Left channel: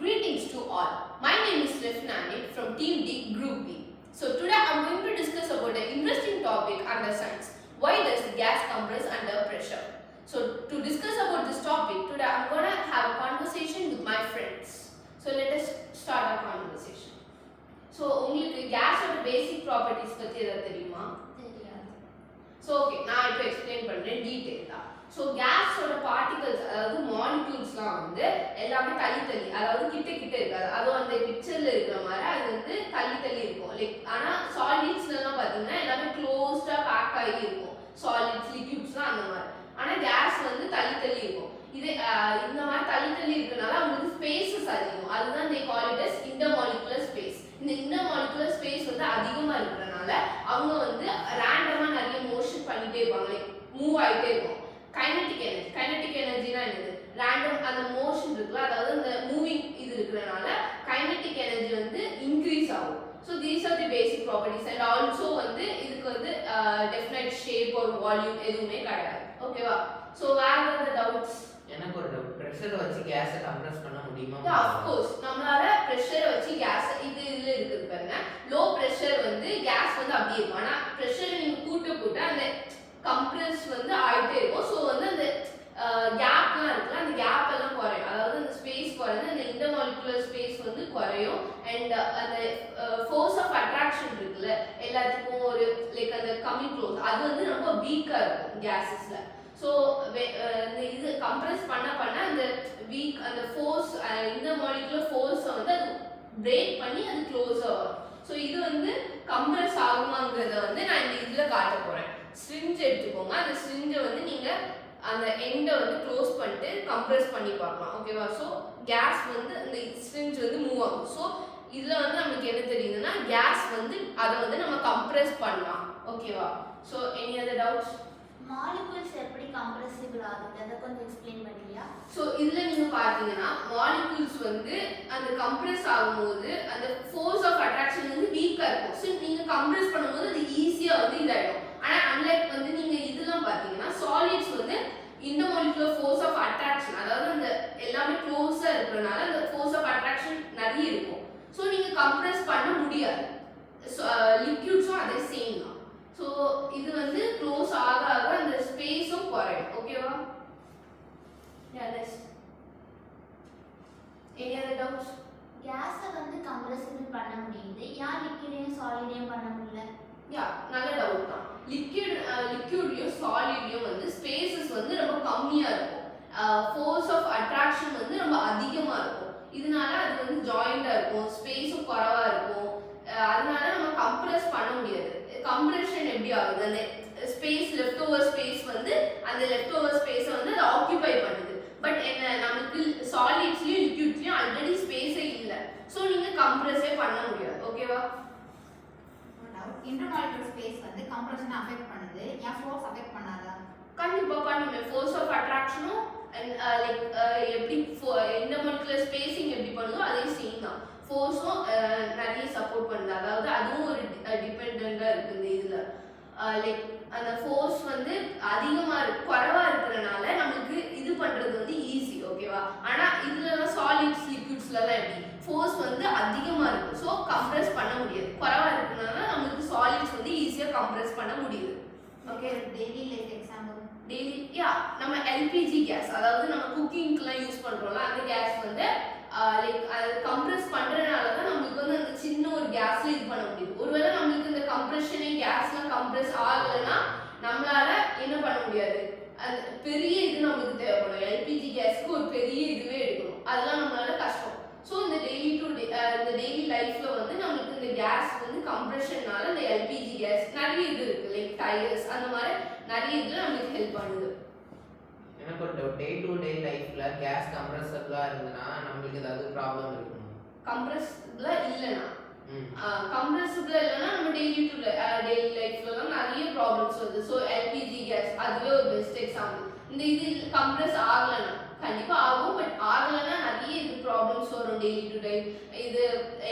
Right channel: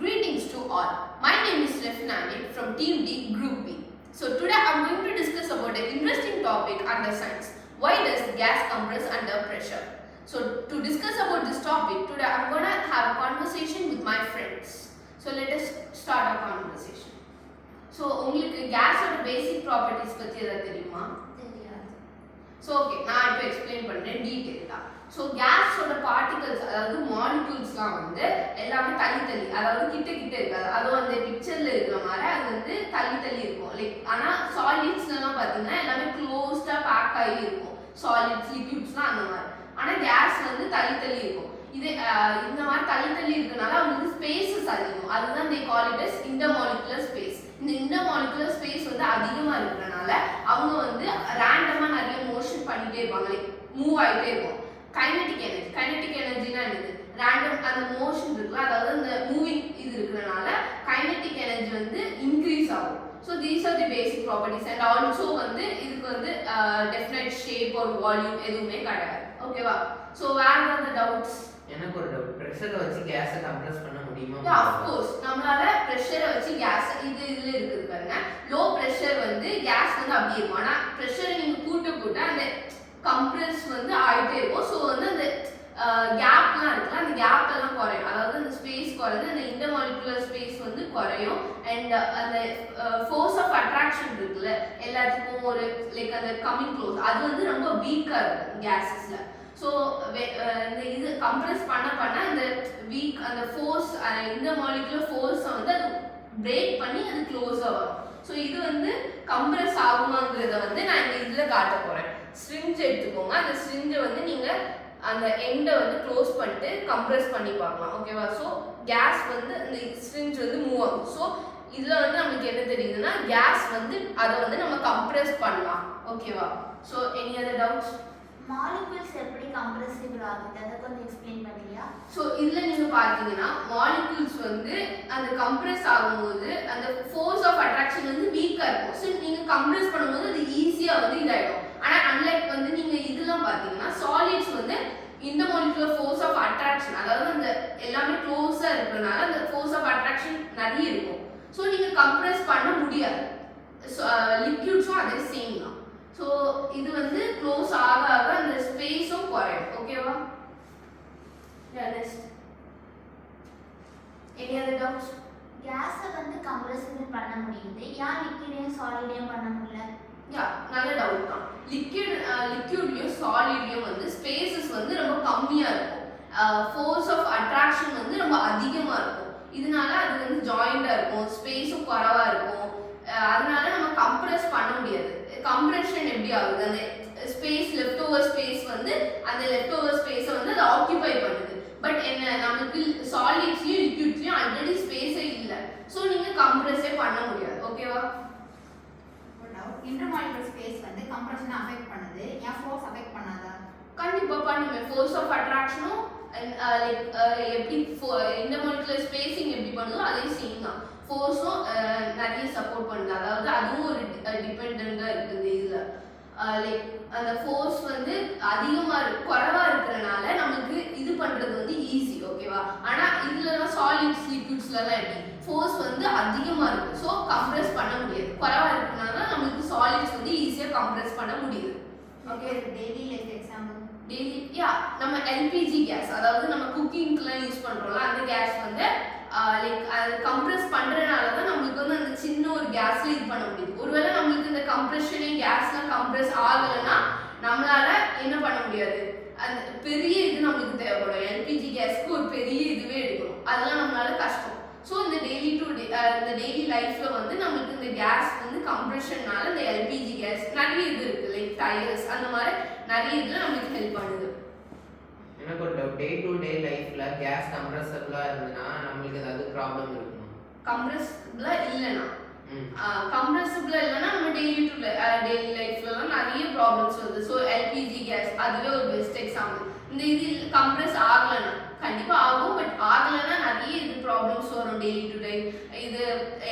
Greetings to all. My name is Lefnani from Team D Group B. So today I am going to discuss about an interesting topic under science. Why does gas compress under pressure? So to discuss about this topic, today I am going to have a conversation with my friends. So let us start our conversation. So உங்களுக்கு கேஸோட பேசிக் properties பத்தி ஏதாவது தெரியுமா? தெரியாது. So okay, நான் இப்போ explain பண்ணுறேன் டீட்டெயிலாக. ஸோ கேஸோட பார்ட்டிகல்ஸ் அதாவது மாலிகூல்ஸ்லாம் வந்து எல்லாமே தள்ளி அதாவது கிட்ட இருக்காது. அதுவும் அந்த பிக்சரில் இருக்கிற மாதிரி அது வந்து தள்ளி இருக்கும். லைக் ஆனால் சாலிட்ஸ்லாம் பார்த்தீங்கன்னா எல்லாமே க்ளோஸ்டாக பேக் ஆகி இருக்கும். சாலிட்ஸ் லிக்விட்ஸ்லாம் அந்த மாதிரி. ஆனால் கேஸ் வந்து தள்ளி இருக்கும். இது இந்த மாதிரி தள்ளி இருக்கனால அவங்களுக்கு ஸ்பேசஸ் அதிகம். அதுதான் they call it as intermolecular space. இந்த இன்டர்மாலிகுலர் ஸ்பேஸ் வந்து அதிகமாக இருக்கிறனால அவங்க வந்து ரேண்டமாக நிறைய மோஷன் பண்ணிகிட்டே இருப்பாங்க. லைக் மூவ் ஆகிட்டே இருக்கும். கைனடிக் எனர்ஜினா என்னது? ரேண்டம் அந்த மோஷன் இருக்குல்ல, அதாவது அந்த மூவிங் இது இருக்கிறனால கைனடிக் எனர்ஜி வந்து இன்க்ரீஸ் ஆகும். So these are the basic properties. And also வந்து இதுக்கு வந்து டெஃபினைட் ஷேப் ஒரு வால்யூம் எதுவுமே கிடையாது. ஓகேவா? ஸோ வேற ஏதாவது டவுட்ஸ்? எனக்கு ஒரு டவுட், பிரஷரை வச்சு கேஸை கம்ப்ரஸ் பண்ண முடியுமா? ஆஃப் கோர்ஸ் நம்மளால பிரஷரை வச்சு கேஸ் இதுல இருக்குது பாருங்க. லோ பிரஷர் வந்து கேஸ் வந்து அப்படியே இருக்கும். ஆனா பிரஷரை நீங்க கூட்ட அந்த கம்ப்ரஸ் வந்து ஆயிட்டே இருக்கும். ஸோ வந்து அந்த கேப்லாம் இருக்குல்ல, அந்த கேப் எல்லாம் குறையும். அதாவது அந்த ஸ்பேஸ் குறைஞ்சு அந்த இன்டர்மாலிகுலர் ஸ்பேஸ் வந்து குறையும். அண்ட் அந்த ஃபோர்ஸ் ஆஃப் அட்ராக்ஷன் இருக்குல்ல எல்லாத்துக்கும் ஒரு லைக் அந்த கம்மிங் க்ளோஸ் அது வந்து ரொம்ப வீக்காக இருக்கும் கேஸஸ்ல. ஸோ இந்த இது கம்ப்ரஸ் பண்ண அந்த வீக் அந்த ஃபோர்ஸ் இன்டர்மாலிகுலர் ஃபோர்ஸை வந்து அது பிரேக் பண்ணி அது க்ளோஸாக வரும். ஸோ இது வந்து கம்ப்ரஸ் ஆகுமாங்கிறத வந்து நான் இந்த இதில் காட்ட போகிறேன். ஸ்ட்ரிஞ்ச் எடுத்துக்கோங்க. அந்த ஸ்ட்ரிஞ்சை வந்து நீங்கள் அந்த எண்டை வந்து க்ளோஸ் பண்ணிட்டு கம்ப்ரஸ் பண்ணி பார்க்கலாம். ஓகேவா? ஸோ கேஸ் வந்து அந்த ஸ்ட்ரிஞ்ச் வந்து மூவ் ஆகும். ஸோ இதில் வந்து நமக்கு என்ன தெரியுதுன்னா கேஸ் வந்து அதை வந்து நம்ம கம்ப்ரஸ் பண்ணலாம். ஓகேவா? So any other doubts? Molecules எப்படி கம்ப்ரெசிபிள் ஆகுது அதை கொஞ்சம் எக்ஸ்பிளைன் பண்ணுறியா? ஸோ இதில் நீங்கள் பார்த்தீங்கன்னா மாலிகூல்ஸ் வந்து அந்த கம்ப்ரெஸ் ஆகும்போது அந்த ஃபோர்ஸ் ஆஃப் அட்ராக்ஷன் வந்து வீக்காக இருக்கும். ஸோ நீங்கள் கம்ப்ரெஸ் பண்ணும்போது அது ஈஸியாக வந்து இதாகிடும். ஆனால் அன்லைக் வந்து நீங்கள் இதெல்லாம் பார்த்தீங்கன்னா சாலிட்ஸ் வந்து இன்டர்மாலிகுலர் ஃபோர்ஸ் ஆஃப் அட்ராக்ஷன் அதாவது அந்த எல்லாமே க்ளோஸாக இருக்கிறதுனால அந்த ஃபோர்ஸ் ஆஃப் அட்ராக்ஷன் நிறைய இருக்கும். ஸோ நீங்கள் கம்ப்ரெஸ் பண்ண முடியாது. லிக்விட்ஸும் அதே சேம் தான். ஸோ இது வந்து க்ளோஸ் ஆக அந்த ஸ்பேஸும் குறையும். ஓகேவா? Next any other doubts? கேஸை வந்து கம்ப்ரெசிபிள் பண்ண முடியுது, ஏன் லிக்விடையும் சாலிடையும் பண்ண முடியல? யா, நல்ல டவுட் தான். லிக்விட்லையும் சாலிட்லையும் வந்து ஸ்பேசஸ் வந்து ரொம்ப கம்மியாக இருக்கும். ஃபோர்ஸ் ஆஃப் அட்ராக்ஷன் வந்து ரொம்ப அதிகமாக இருக்கும். இதனால அது வந்து ஜாயிண்டாக இருக்கும், ஸ்பேஸும் குறைவாக இருக்கும். அதனால நம்ம கம்ப்ரெஸ் பண்ண முடியாது. கம்ப்ரெஷன் எப்படி ஆகுது? அந்த ஸ்பேஸ் லெஃப்ட் ஓவர் ஸ்பேஸ் வந்து அந்த லெஃப்ட் ஓவர் ஸ்பேஸை வந்து அது ஆக்கியூபை பண்ணுது. பட் என்ன நமக்கு சாலிட்ஸ்லையும் லிக்விட்லையும் ஆல்ரெடி ஸ்பேஸே இல்லை. ஸோ நீங்கள் கம்ப்ரெஸ்ஸே பண்ண முடியாது. ஓகேவா? இன்டர்மாலிகுலர் ஸ்பேஸ் வந்து கம்ப்ரஷனை அஃபெக்ட் பண்ணுது, ஏன் ஃபோர்ஸ் அஃபெக்ட் பண்ணாதா? கண்டிப்பாக பண்ணுவேன். ஃபோர்ஸ் ஆஃப் அட்ராக்ஷனும் லைக் எப்படி இன்டர்மாலிகுலர் ஸ்பேசிங் எப்படி பண்ணுதோ அதே சேம் தான். ஃபோர்ஸும் நிறைய சப்போர்ட் பண்ணுது. அதாவது அதுவும் ஒரு டிபெண்டாக இருக்குது. இதில் லைக் அந்த ஃபோர்ஸ் வந்து அதிகமாக குறைவாக இருக்கிறனால நமக்கு இது பண்ணுறது வந்து ஈஸி. ஓகேவா? ஆனால் இதுலலாம் சாலிட்ஸ் லிக்விட்ஸ்லாம் எப்படி ஃபோர்ஸ் வந்து அதிகமாக இருக்குது. ஸோ கம்ப்ரெஸ் பண்ண முடியாது. குறைவாக இருக்கிறனால நமக்கு சாலிட்ஸ் வந்து ஈஸியாக கம்ப்ரெஸ் பண்ண முடியுது. Okay, daily life example daily நம்ம எல்பிஜி கேஸ் அதாவது நம்ம குக்கிங்க்குலாம் யூஸ் பண்ணுறோம்ல அந்த கேஸ் வந்து லைக் அது கம்ப்ரெஸ் பண்ணுறதுனால தான் நம்மளுக்கு வந்து அந்த சின்ன ஒரு கேஸில் இது பண்ண முடியுது. ஒருவேளை நம்மளுக்கு இந்த கம்ப்ரெஷனே கேஸ்லாம் கம்ப்ரெஸ் ஆகலைன்னா நம்மளால என்ன பண்ண முடியாது. அந்த பெரிய இது நம்மளுக்கு தேவைப்படும். எல்பிஜி கேஸ்க்கு ஒரு பெரிய இதுவே எடுக்கணும். அதெல்லாம் நம்மளால கஷ்டம். ஸோ இந்த டெய்லி லைஃப்பில் வந்து நம்மளுக்கு இந்த கேஸ் வந்து கம்ப்ரெஷன்னால இந்த எல்பிஜி கேஸ் நிறைய இது இருக்குது. லைக் டயர்ஸ் அந்த மாதிரி நிறைய இதில் நம்மளுக்கு ஹெல்ப் பண்ணுது. எனக்கு ஒரு டவுட், டே டு டே லைஃப்ல கேஸ் கம்ப்ரஸபிளா இருந்ததுன்னா நம்மளுக்கு ஏதாவது ப்ராப்ளம் இருக்குமா? கம்ப்ரெசிபிளா இல்லைன்னா கம்ப்ரெசிபிளா இல்லைன்னா நம்ம டெய்லி லைஃப்லலாம் நிறைய ப்ராப்ளம்ஸ் வருது. ஸோ எல்பிஜி கேஸ் அதுவே ஒரு பெஸ்ட் எக்ஸாம்பிள். இந்த இது கம்ப்ரெஸ் ஆகலைன்னா கண்டிப்பாக ஆகும். பட் ஆகலைன்னா நிறைய இது ப்ராப்ளம்ஸ் வரும் டெய்லி டு டே. இது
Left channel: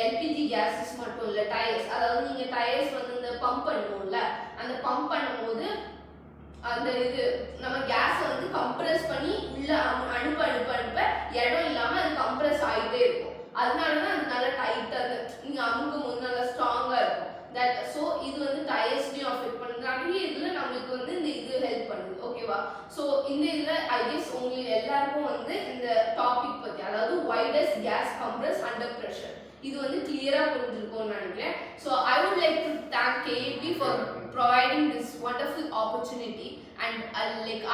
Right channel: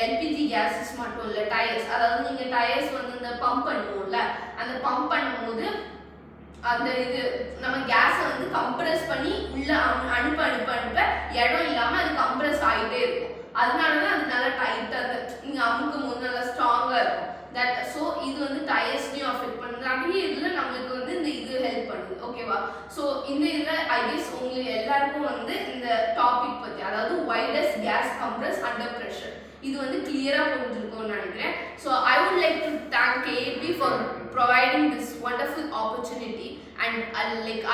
எல்பிஜி கேஸஸ் மட்டும் இல்லை, டயர்ஸ் அதாவது நீங்கள் டயர்ஸ் வந்து இந்த பம்ப் பண்ணுவோம்ல அந்த பம்ப் பண்ணும்போது அந்த இது நம்ம கேஸை வந்து கம்ப்ரெஸ் பண்ணி உள்ள அனுப்ப இடம் இல்லாமல் அது கம்ப்ரெஸ் ஆகிட்டே இருக்கும். தட் ஸோ இது வந்து டயர்ஸ்லையும் அஃபெக்ட் பண்ணுது. நிறைய இதில் நம்மளுக்கு வந்து இந்த இது ஹெல்ப் பண்ணுது. ஓகேவா? ஸோ இந்த இதில் ஐ கெஸ் உங்களுக்கு எல்லாருக்கும் வந்து இந்த டாபிக் பற்றி, அதாவது why does gas compress under pressure, இது வந்து கிளியராக புரிஞ்சிருக்கும்னு நினைக்கிறேன். So I would like to thank KAP for providing this wonderful opportunity, and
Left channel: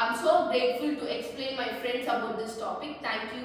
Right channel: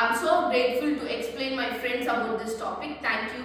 I'm so grateful to explain my friends about this topic. Thank you.